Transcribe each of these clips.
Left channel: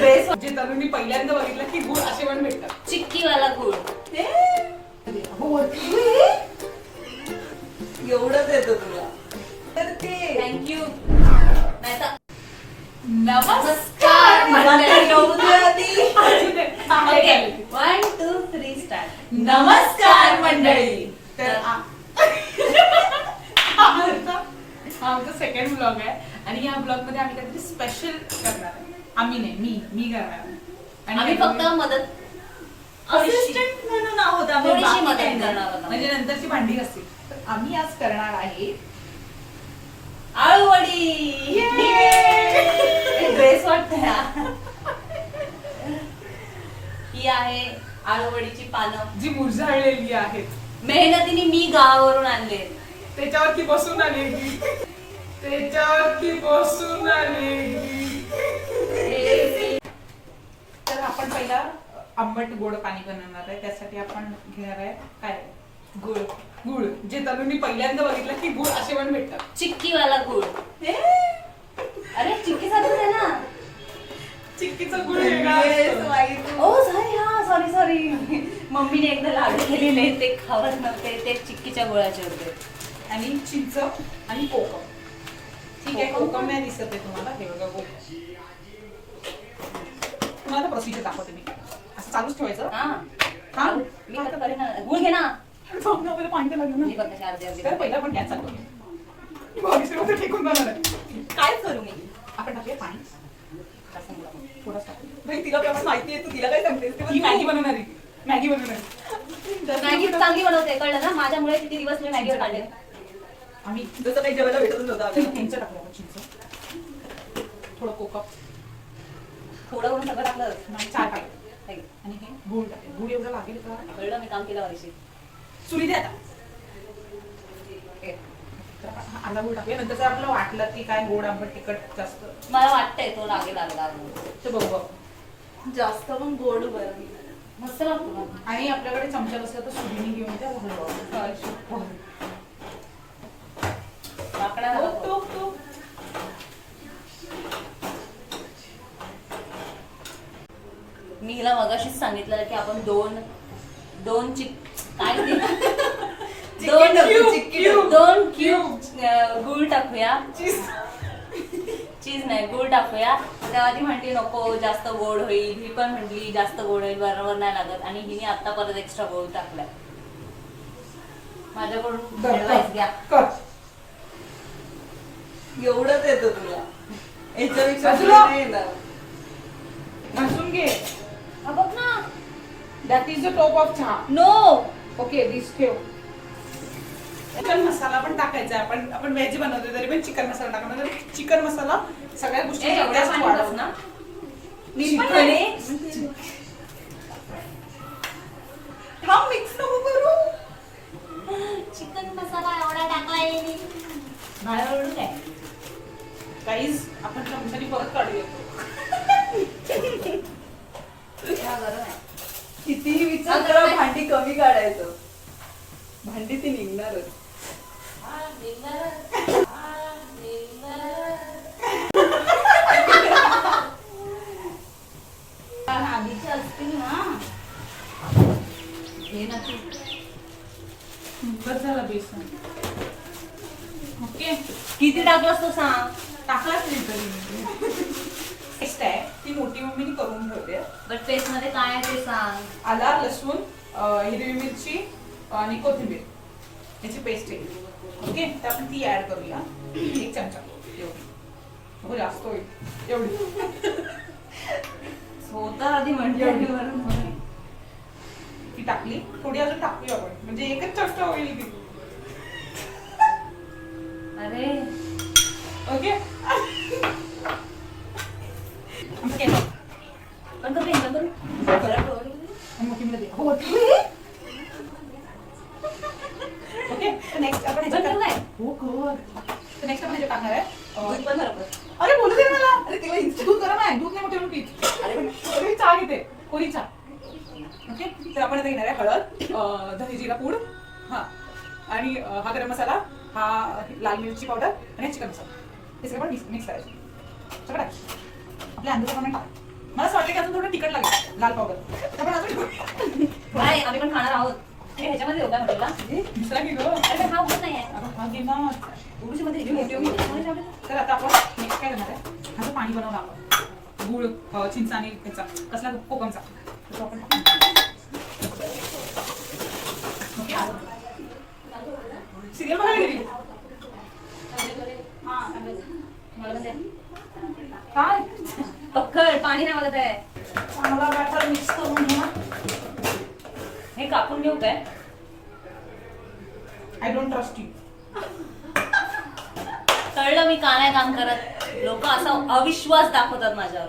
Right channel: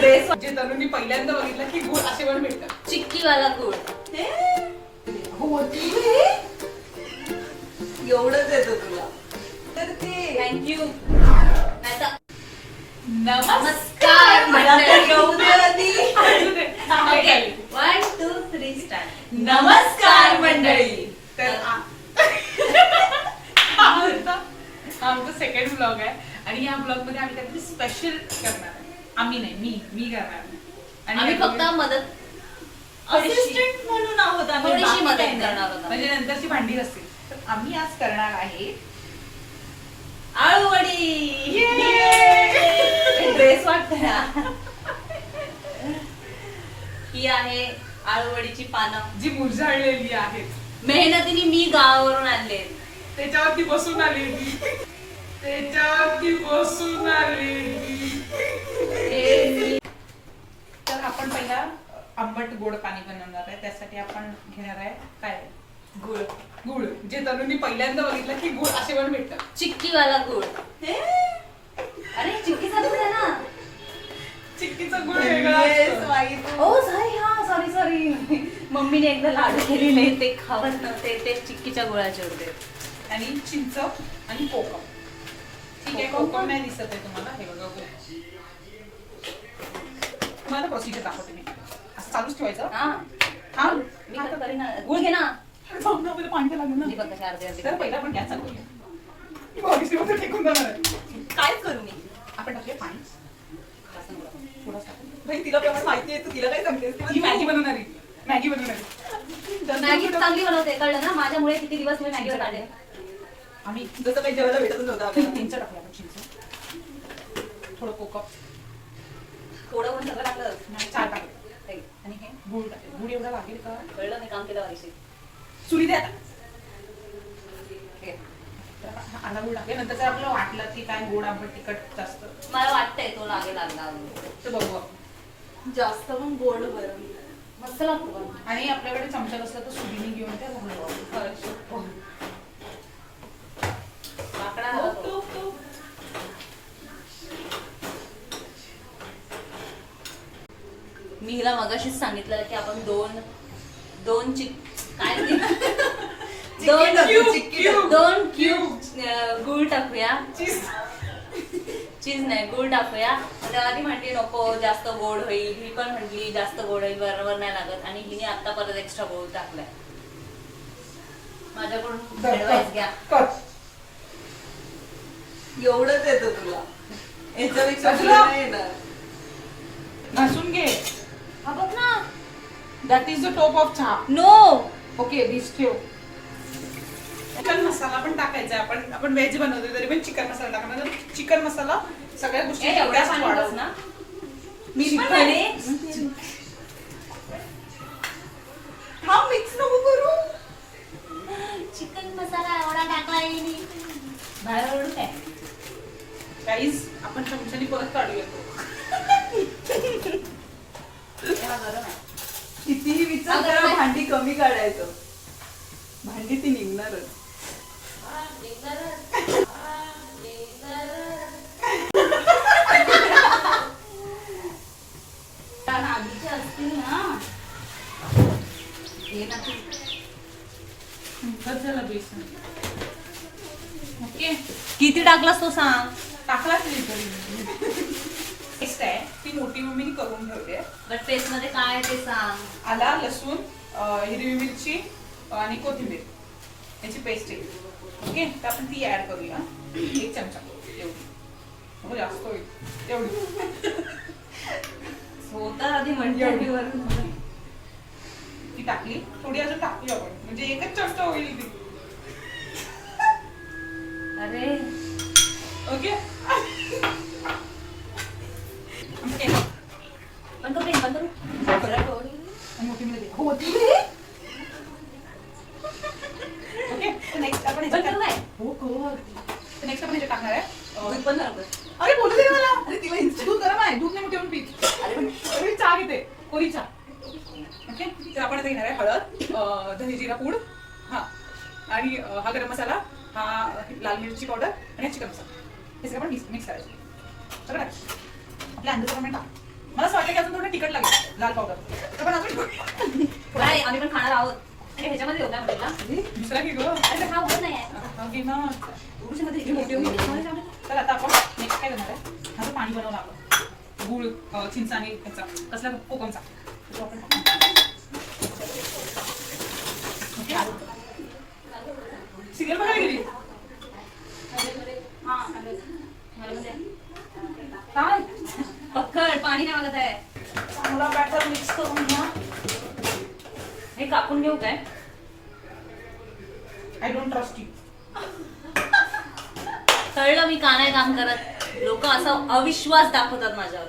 Dress जे तरुणी पहिल्यांदा बघितलं की गुळ असे पण भेटतात. चिक्कीवाला गुळ. एवढंच येतं तुला तर ते थँक्यू. नमस्कार मला तर येऊ दे आधी. 1 2 3 स्टार्ट. नमस्कार मंडळी. तर हा आमचा सेकंड ब्लॉग आहे आणि या ब्लॉग मध्ये आम्ही काहीतरी स्पेशल करणार आहे. आम्ही नाही, मी करणार आहे. आम्ही फक्त मदत असिस्टंट म्हणून आहोत आम्ही, थोडीशी बाकी मदत काही नाही. करणार आहोत. म्हणजे नंतरची भांडी असतील. तर आम्ही आज करणार आहे आळूवडी. ड्रेस वाटत ही आहे आळूवडीची पानं, जी मुरझाळलेली आहेत. मेहनतीने मी गावावरून आणले. त्याच्यावरती बसून आली तर आपण पहिला आंबट गोड पाणी बनवणार आहे. त्यासाठी आपण घेणार आहे काय गुळ. गुळ जे तरुणी पहिल्यांदा बघितलं की गुळ असे पण भेटतात. चिक्कीवाला गुळ. अरे चिक्की सारखंच आहे ना. चिक्कीचा गुळ वेगळा Yes, असतो. माहिती. ओ सॉरी, हा सॉरी. मम्मीने एकदा लाडू केलेले ते खावत नव्हते, ते चिक्कीच्या गुळाचे होते. आणि चिंच आणि कोकम. ठीक आहे, कोकम नाही दिसत आहे तुम्हाला. हे बघा कोकम. तुम्हाला प्रोसिजर दाखवते मी. असं चालूच ठेवायचं. हा मी तर करेन ना. गुळ घे ना. जाऊन ना, पहिलं पाणी तर लागेल मी ना. बघ कशी अर्धी तर पहिला आपण गॅस चालू करूया. बघितलं फेकून जाणार आहे. काय करू मी? आपण टाकूया पाणी कसं मला? थोडंसं टाकूया. नाही, तिला पण माहिती आहे, तू तिला काय सांगतेस ते ही पण मॅगी तू- बनवणारी. मॅगी बनवणारी. मॅगी चांगली बनवते, कळलं ना. माझ्यामुळे किती दिवस मी मॅगीवर काढले. आम्ही जसं काही जेवायला भेटत नव्हतं आपल्याला. चिंच टाकूया आपण. चिंच, थोडं कोकम, थोडं वरून सगळं टाकलं. आणि 4 टाकले. आणि हे गुळ टाकले. गुळ एवढा लागेल का? कळलं, मी काम केलं वारीशी. सुरी द्या आता. तर आपण हा आला गुळ टाकूया. नंतर जर आपल्याला वाटलं की काय गोड आंबट तिखट जास्त मला वाटतंय तो लागला. तर बघू आपण. जास्त पण गोड बरं. मस्त लागतो का? आणि आपल्याकडे चमचा नसला तर सुरीने घेऊन त्या घालू. लाकडा हो, हवा तो. तो. मी हिला मगाशीच सांगितलं की आपण दोन काय ते? चिक्की टाकू, चिक्की टाकू. दोन क्यूब गुळ टाकूया. चीज नाही, गुळ टाकूया. तेव्हा ती म्हणते नको जास्त गोड होईल. ही पण म्हटली जास्त गोड होईल, बरोबर नाही लागत. आणि हिने आता परत एक्स्ट्रा गोळ टाकलाय. माझ्याकडून ऍडवाइस घ्या. कर. एवढंच येतं तुला, याच्यापेक्षा तुला- तुला नाही येणार. घासून घे. हा बघ ना. That is the top of चहा. नो. ओके, दिस ठेव. चिकन मसाला पण टाकायचा. आपण व्हेज बनवतो तरी पण चिकन मसाला टाकणार. चिकन मसाला सगळ्या गोष्टी एवढ्या पाणी बस ना. थांब, मिक्स नको करू. चिकन मसाला एवढा टाकलाय मी. बाहेर काय? गाईज, आपण चमच्याने परत काढूया. हा गरम आहे. कितीही विचार अगं करा, नाही. भांडी कमी काढायचं. भांडी ती निघणारच. आधीची असतील ना. हे ना तू. बस झालं बेसन. ओके, किती टाकलास तू सांग. टाकलाच नाही तरी. पेस्ट आहे ती मोठी मम्मीने करून ठेवते. बट पेस्ट मध्ये काय आहे ते सांग. आला, लसूण, हिरवी मिरची आणि कोथिंबीर याची पेस्ट आहे. ओके, तर आपण ती ऍड करूया. 1 चमचा एवढी. हो, जास्त होईल एवढी. होता आधी म्हणजे ती टाकली. थोडी अजून टाकूया आपण, म्हणजे एकच चमचा होईल ती. अरे ओके, पण करू मोठी मध्ये होती. ओके, नेक्स्ट आपण ह्याच्यात बंद नाही. हो कर. नेक्स्ट आपण ह्याच्यात टाकणार आहे. दूध पण हरकत. अरे बोलू दे ना मला. अरे तिला दूध करा नाही, दूध नाही मोठे म्हणून पीठ. अरे मी चहा घेते, कोरी चहा. ओके, तर आपण आता घेणार आहे हळद, धने जिरा पूड, हा, आणि हा गरम मसाला, हा लाल मिरची पावडर आणि चिकन मसाला. हे सगळं आपण मिक्स करायचं. सगळं टाक. आपल्या अंदाजाप्रमाणे टाक. मला असं वाटतं की अजून थोडं तिखट लागेल लाल पावडर, तर पण अजून नाही, आम्ही पण खाणार आहोत. हे ह्याच्यामध्ये होता म्हटलं दुसरा घे गं. अरे हा होत नाही आहे. हा घे ना. उडीमध्ये ही मोठी होती, त्याच्यामध्ये टाकलं. तर आता आपण नेक्स्ट काय करणार आहे, ह्याचं पाणी बनवलं आपण गुळ, चिंच आणि ह्याचा कसला कोकमचा, तो आपण सिरियल बघायला गेली हा, सांगा. मला पण द्या. काय पक्कड पाणी नाही मागत आहे. चांगला बॅटर मिक्स करून घ्या. हे कापून घेऊ काय? I don't trust you. कळलं मी का नाही काम करत. लोक असा अविश्वास दाखवतात माझ्यावर.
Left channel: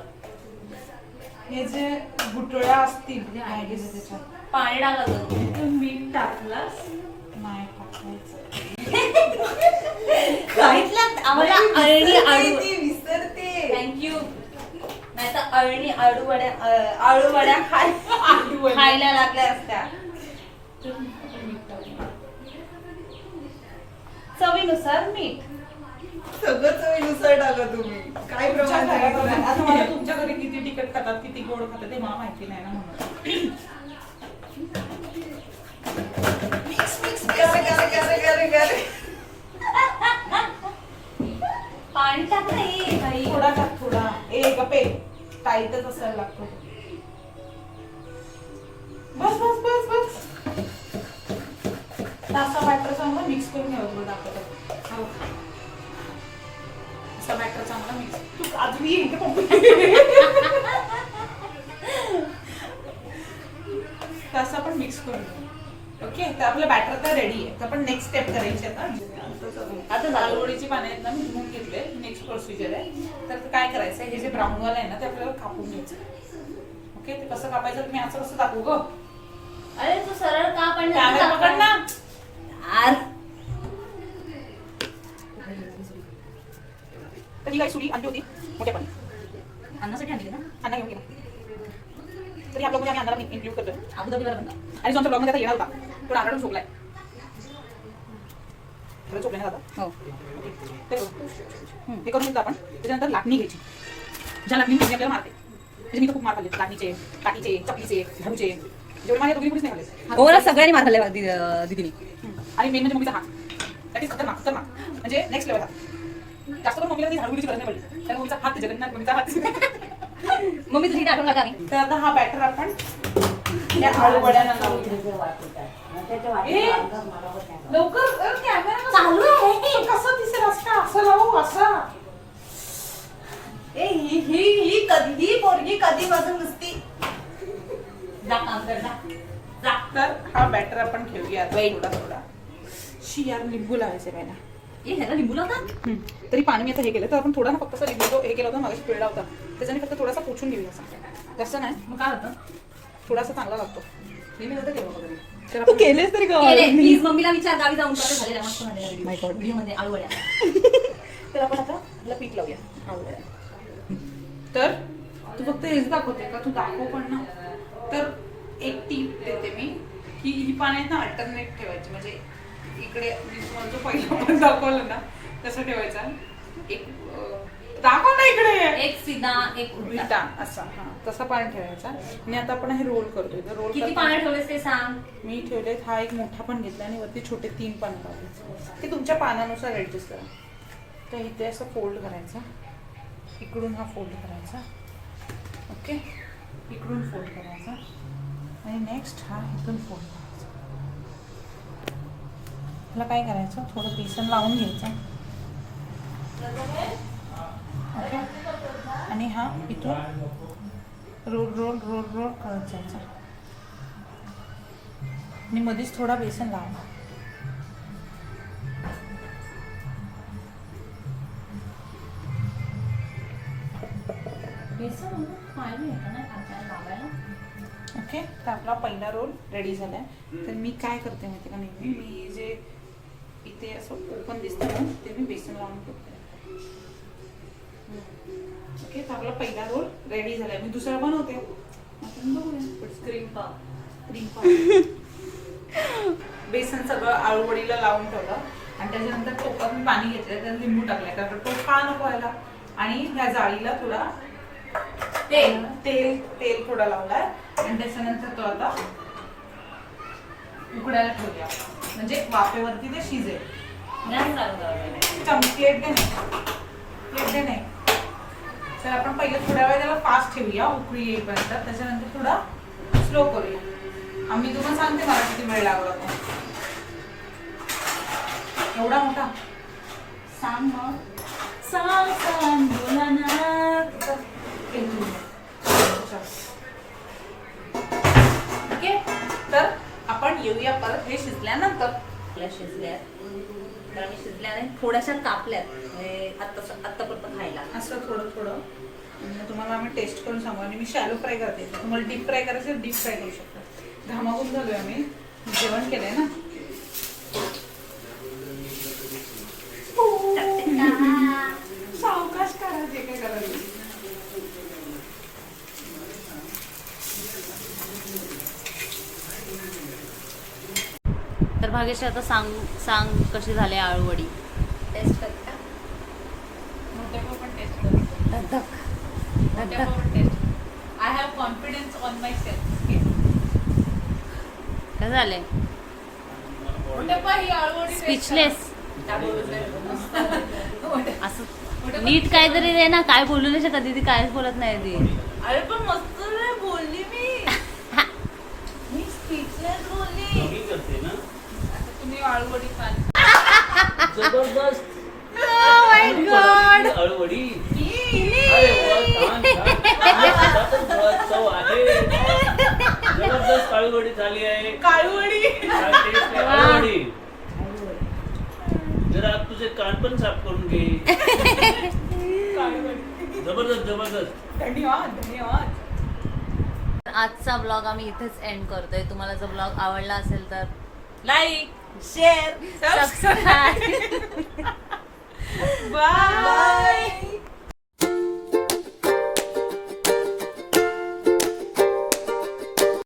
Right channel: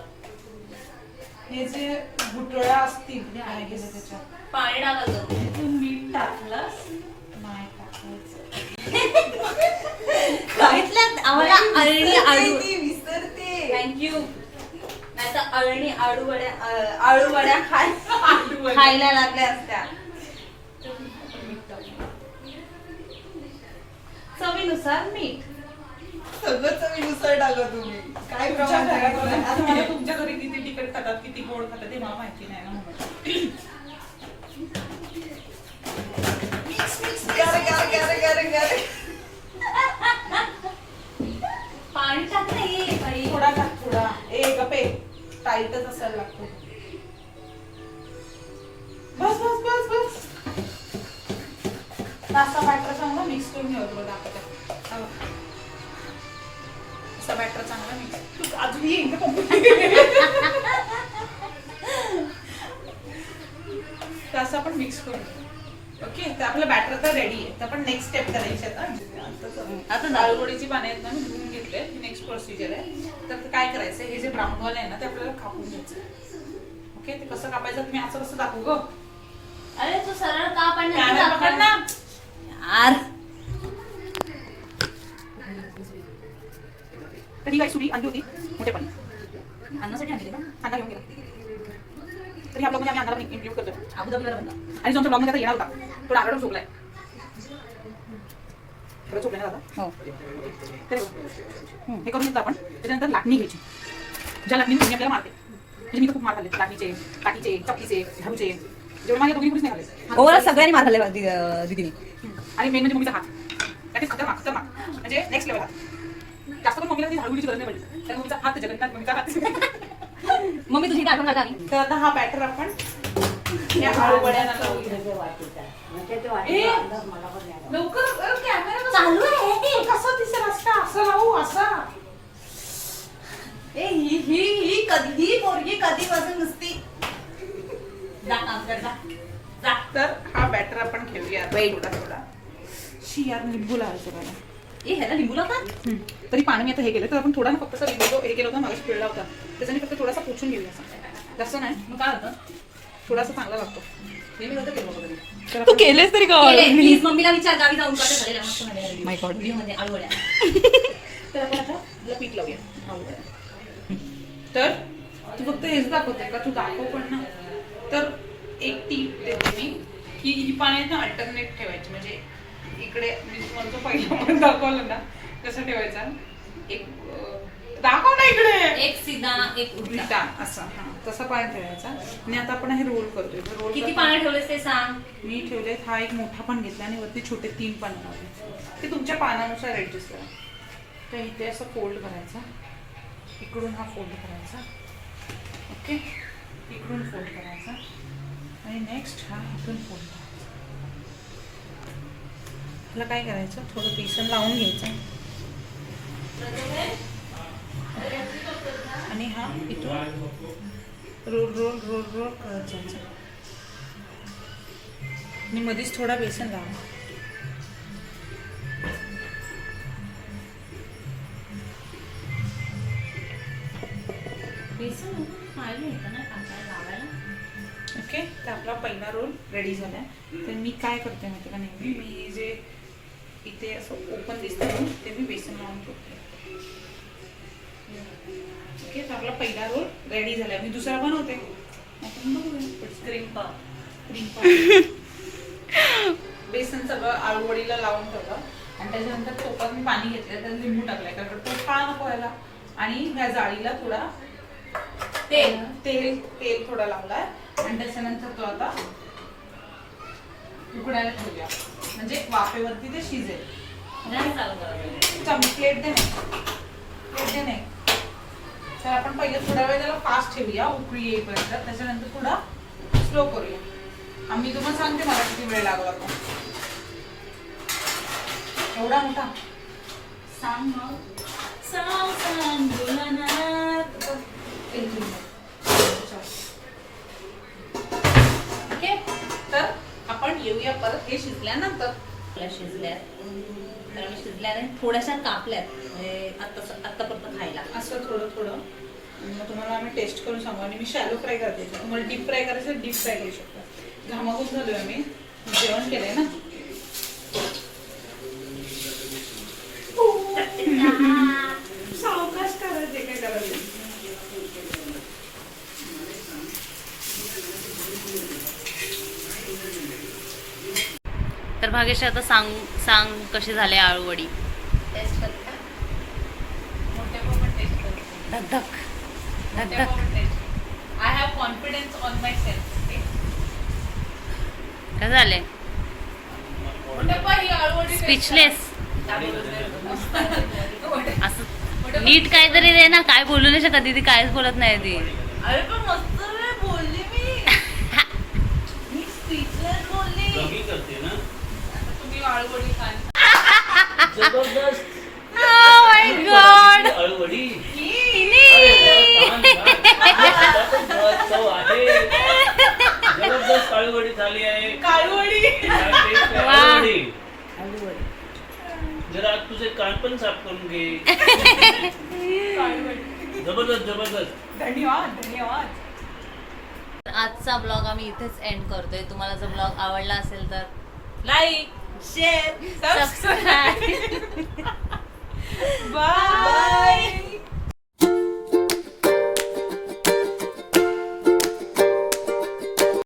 हे जे गुटळ्या असतील काय गेले त्याच्यात, पाणी टाकलं. तू मीठ टाकलंस नाही टाकायचं. सांगितलं आम्हाला अळणी आळू. ती विसरते. थँक्यू. नाही तर अळणी आळू वड्या खायला लागल्या असत्या. चवीनुसार मीठ. सगळं चवीनुसार टाका तुम्ही. काय प्रमाण सांगितलं? आता मला तुमच्या घरी किती तिखट खातात किती गोड खातात ते मला माहिती नाही ना म्हणून. मिक्स मिक्स करे. पाणी टाक नाही भाई. थोडा टाक थोडा. ए गप्पे टाईटच असायला लागतो. बस बस बस बस. असा बॅटर चांगला मिक्स करून घ्यावं तुला दाखवते. असा बॅटर चांगला मिक्स. तू अजून ये इकडे असं आपण मिक्स करून घेऊ. ओके, तर आपलं बॅटर तर रेडी आहे. तर आपण नेक्स्ट स्टेप करायची आता. आता नारळवडीची पाने आहेत ना मी धुवून घेतले. नेक्स्ट प्रोसिजर आहे. तर काय करायचं, हे जे ब्राऊन वाला आहे ना ते आपल्याला कापून घ्यायचं. ओके, ते कसं कापायचं तुम्ही असं कसं दाखवू ग. अरे तू सरळ का पण कॅमेरा पकड ना. तर ही काही सुरी आणली होती मोठ्यापणी, अन्नासाठी आणली ना. अन्ना घेऊन गेला. तर ह्या ब्लॉगमध्ये आम्ही अन्नाला इन्क्लूड करतोय. अबुधाबीला बनला. आणि जो आमच्या ब्लॉगमध्ये आता येणार होता तो आरडून झोपलाय. बरं झोपलाय ना दादा. हो, ते हे करून घेतलं आपण. त्याच्यानंतर लाटणी घ्यायची. ज्या लाटणीने तुम्ही आपल्याला मारते, म्हणजे मी तर खूप मार खाल्ले. लाटणीचे, काठीचे, चपलीचे, झाडूचे, जेवढे माझ्या दोघी कुठेच नाही खाल्ले. ओव्हरऑल सगळ्यांनी मार खाल्ले दीदीने. आणि मेन म्हणजे मम्मीचा हात, दॅट इज खतरनाक खतरनाक, म्हणजे नेक्स्ट लेवल हात. जास्त करून मम्मीला झाडूची गरज नाही पडली, कारण मम्मीचा हात जगन्नाथ, मम्मीचा हात. मम्मी तुझी आठवण काढा आम्ही. तर आता हा बॅटर आपण या आळू वड्यांना लावूया. लवकर कॅमेरा चालू आहे. कसं दिसेल असं असं लावू असं. ही कधी पोरगी कधी वाजून नुसती. जा काम कर जा. जा. तर हा बॅटर आपण घेऊया Wait. थोडा. शी यार लिंबू लावायचं पहिला. ए ह्याला लिंबू लावतात. तरी पाणी मी आता हे केलं, तर आपण थोडा ना फक्त लिंबू जो हे केला होता मागाशी पिळला होता त्याच्याने फक्त थोडासा पोचून घेऊया असा. जास्त नाही, मग काय होतं? थोडासा चांगला लागतो. हे मी नव्हतं केलं कधी. तर आपण- केलेस तरी केले. प्लीज मम्मीला विचार गावी जाऊन कसं झालेलं मस्त झालेलं. My God. व्हिडिओमध्ये आळू वड्या. तर आपण आता आपलं पीठ लावूया. तर तू फक्त हेच दाखवते का, तू दाखव पण ना. तर एक टीप देते मी की ही पाणी ना अल्टरनेट ठेवायची, म्हणजे इकडे मी तुम्हाला जो पहिला पण दाखवलं ना कसं ठेवायचा. एक दाखव ना इकडे एक सीधा एक उलटा. उलटा असा, हा तसा पाणी ठेवायचा. आणि आता आपण हे रोल करतोय. तर रोल किती पाणी ठेवलेस ते सांग. मी ठेवले, हा एक मोठा पण घेतला आणि वरती छोटे 3 पान लावले. ते तुमच्या पानानुसार ऍडजस्ट करा. तर इथे असं फोल्ड करायचा, इकडून हा फोल्ड करायचा. ओके, इकडून फोल्ड करायचा आणि नेक्स्ट हा इथून फोल्ड करायचा. ह्याला काय करायचं, थोडं बेसन लावून घ्यायचं. ओके, आणि हा इथून रोल रोल रोल रोल करत जायचा आणि मध्येच थोडा बेसन लावा. बेसन पाणी येतं ना टाकायला लावायला. ओके, तर आपला पहिला रोल रेडी झाला. तर मी काय करते माहिती का, नेहमी मी जे इथे असं ओपन दिसतं ना ते मी बेसन लावून करते. ओके, तर आपला पहिला रोल रेडी झाला. मी दुसरा बनवते. आपण बघूया. क्रीम पाव. क्रीम पाव. बेसन सगळं आळूवडीला लावून ठेवलं आणि त्याच्यानंतर टोपात मी पाणी घेतलं, त्यात लिंबू टाकलाय, कारण तो खा नको व्हायला. आणि ह्या जाळीला थोडा तेल. तेल थोडा लावलाय आणि त्याच्यानंतर तो आता उकडायला ठेवूया, म्हणजे वाफेवरती ते शिजेल. प्लेट दे नाही. तर आपण पहिले थोडा वेळ त्याला फास्ट ठेवूया उकळी येईपर्यंत, त्याच्यानंतर थोडा स्लो करूया. आम्ही तुम्हाला सांगते मला किती वेळ लागला तो. एवढा मोठा सांग मग. सांग बोला ना. ओके, तर आपण येऊया परत हे शिजल्यानंतर. शिजल्याने थोड्याशा कापल्यात म्हणजे आत्तापर्यंत खायला. असं थोडं थोडं मग तुम्हाला आम्ही टेस्ट करून सांगू. आणि मी शॅलो फ्राय करते, तुम्हाला डीप फ्राय करायचं डीप फ्राय करू शकता. घामाघूम झालोय आम्ही, जेवण केलंय ना. सावकाश करायचे, काय करायचं. तर भाग्यश्री आता सांग कशी झाले आळूवडी. टेस्ट करते का? मोठ्या पण टेस्ट करते. धक I have confidence on my self. काय झाले? स्पीचलेस. असं नीट काहीतरी दे ना. काय बोलू नाही शकत ती, काहीच बोलत नाही ती. अरे पण मस्त बोलली मी स्पीचलेस बोलली. कमी करते ना. तुम्ही आळूवडी खाल. जबरदस्त. Oh my God. अळूवडी. अरे वा, छान, छान. चव आहे. जबरदस्त अळूवडी झाली आहे. काळूवडी. काय taste आहे? अळूवडी. जरा तुझे कान पण साफ करून घे. जबरदस्त. धन्यवाद. आजचा ब्लॉग आम्ही इथेच एंड करतोय. तुम्हाला जर ब्लॉग आवडला असेल तर लाईक शेअर सबस्क्राईब. बाय.